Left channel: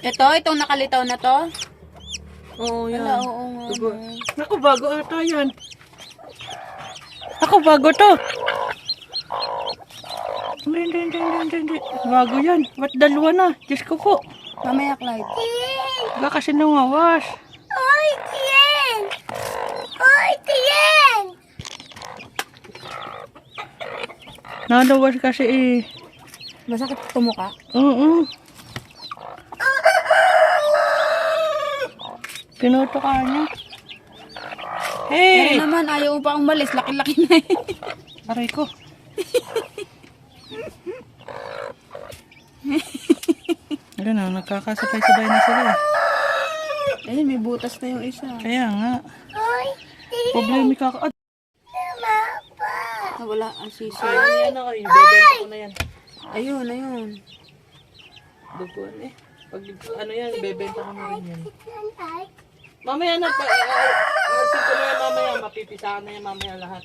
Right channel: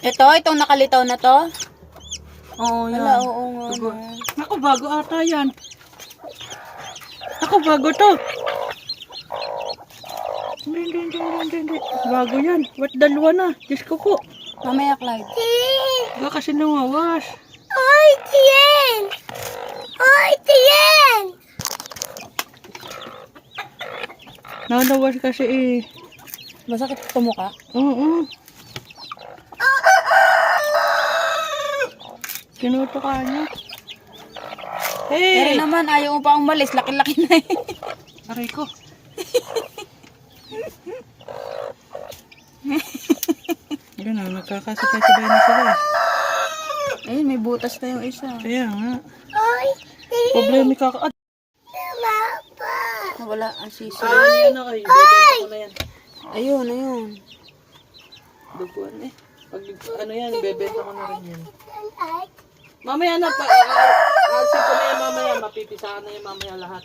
Itong nakalitaw na to? Oo, yan. Wala, oo nga. Diba? No. Naku, bago ata yan. Ako, bago to. Hindi. Bago yan. Ba't dalawa na? Diyos ko po. Mamaya, Clyde. Baka kasi nangawas. Ay, tiyan! Ay, tiyan! Nanawas kasi eh. Masakit tumuka? Oo. Pinuto ka niya. Pero Hey! naman, ayaw mo pa umalis. Laki-laki na eh. Aray ko. Yun na, nagkakasabay-sabay na sila eh. Ayun, may butas na yung isa. Kaya nga. Ay, Problemi ka ka. mapa! Wala ang sisi. Ayun yan ako. Ibebenta ko na yan. Ayun. Duguan eh. Pag ano yan, ibebenta ko na rin yan. Ay, Mamaya na, alsin ko na yan mamaya. Mapipisahan na yan mamaya lahat.